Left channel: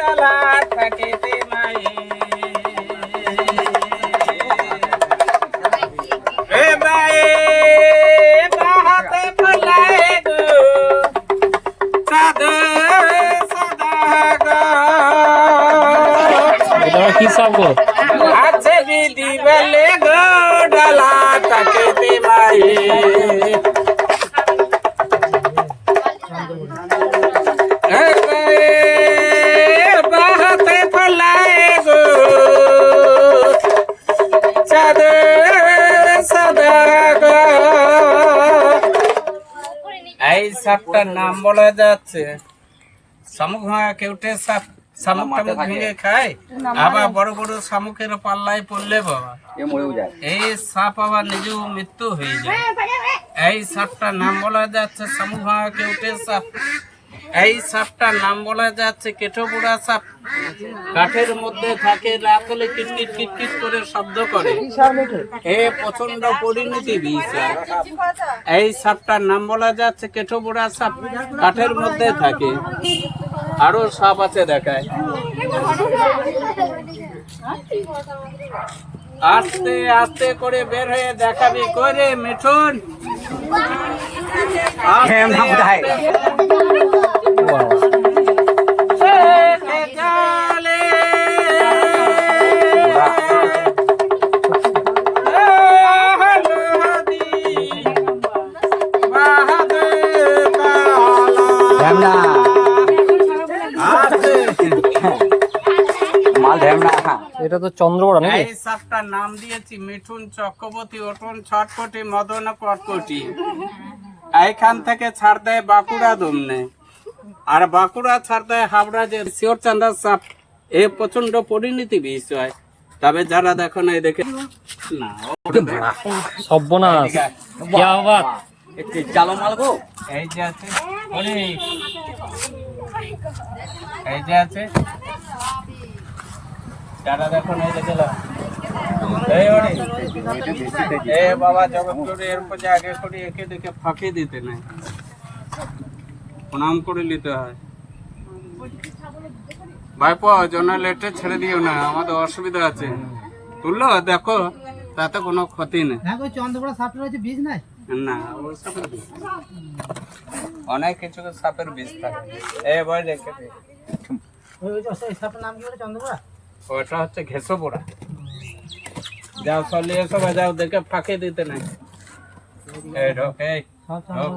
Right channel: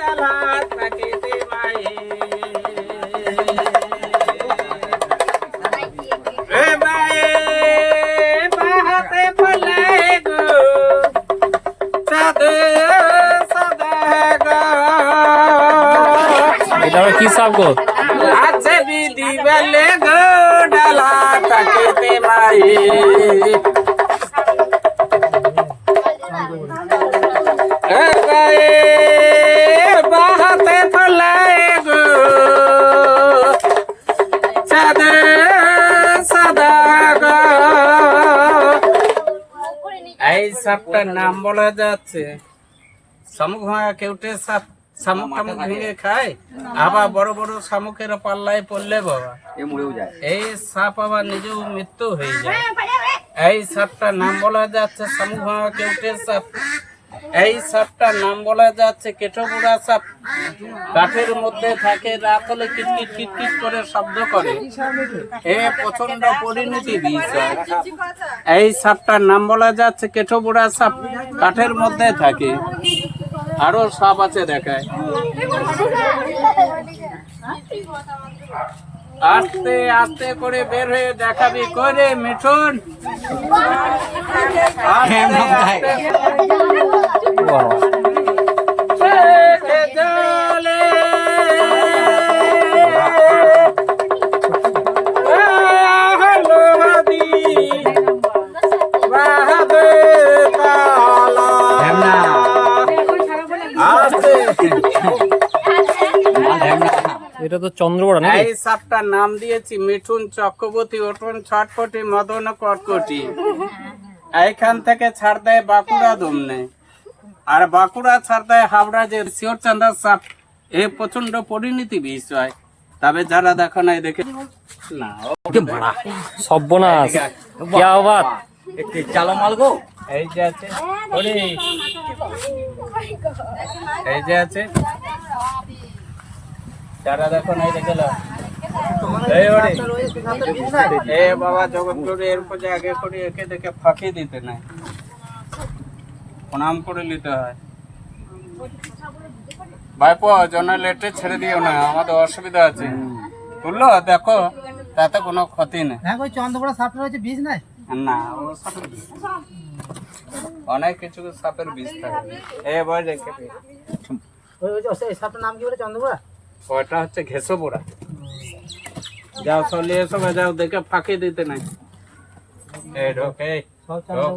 ডালা থাকিতে মায়ে এ মায়ে বাহাতে ফলায় গো সাদে সদা গো এটা কি সাপ গো? আছে বিধি বলে গো ডালা থাকিতে মায়ে এই সাপটার নাম বলা যাচ্ছে শামুক ভাঙা কেউটে সাপ। শামুক টামুক ভেঙে খায়, আবার বড় বড় শামুকের পাল্লায় পড়লে বাবা এই সাপ আবার নিজেও মৃত্যু হয়ে যায়। এই সাপটার নাম বলা যাচ্ছে শামুক ভাঙা কেউটে সাপ। এই সাপটার নাম বলা যাচ্ছে কেঠোবুড়া সাপ। কাঠের মধ্যে থাকে, রাত হলে কিটকিট কিটকিট করে শব্দ করে, এ প্রচন্ড পরিণতি দিয়েছে। এই সাপটার নাম বলা যাচ্ছে কেঠোবুড়া সাপ, কাঠের মধ্যে থাকে। আরো সাপ আছে দেখায়, আস্তে আস্তে করে বের হয়ে দেখাবি করে মিঠুন। এটা তো চন্দ্রবড়া নাকি? এই সাপটার নাম দিয়েছি মিঠুন চক্রবর্তী ওটন ছটপটি মদন কটকটি। এইখান থেকে ছাড় দেয় বাঁকুড়া দমনে, আর বাঁকুড়া ছাড় দেয় হাওড়া যে শিওরচান্দা সাপ। এ প্রচন্ড পরিণতি বিষয়। তবে যারা দেখো না দেখে না সর্বনাশ কি আবার চালো মাল গো। এই যে আছে ওরে, এই যে আছে যারা দেখো না দেখে না এই ওরে এ বাবা জগৎ এরপর যে আগে করে একে দেখে ফাঁকি দিতে নাই, প্রণাম করে নিতে হয়। ভাইপো জনা লেটে ছেড়ে দিও না, আমাদের অসুবিধা আছে। তুললো দেখো, তাতে কোনো ক্ষতি নেই। চন্দ্রপড়া সাপটা হচ্ছে বীজ নাই না, ও সাপের বীজ অনেক কিছু সাপের বীজ থাকে। এ বয় দেখে ওই সাপটার নাম কি বলে? চন্দ্রপড়া, ওটা হচ্ছে ঘেঁষোপোড়া। যাও চলে এসো, যাও দেখে ফাঁকি দিতে নাই। এই ঢোক, এই ঢোক।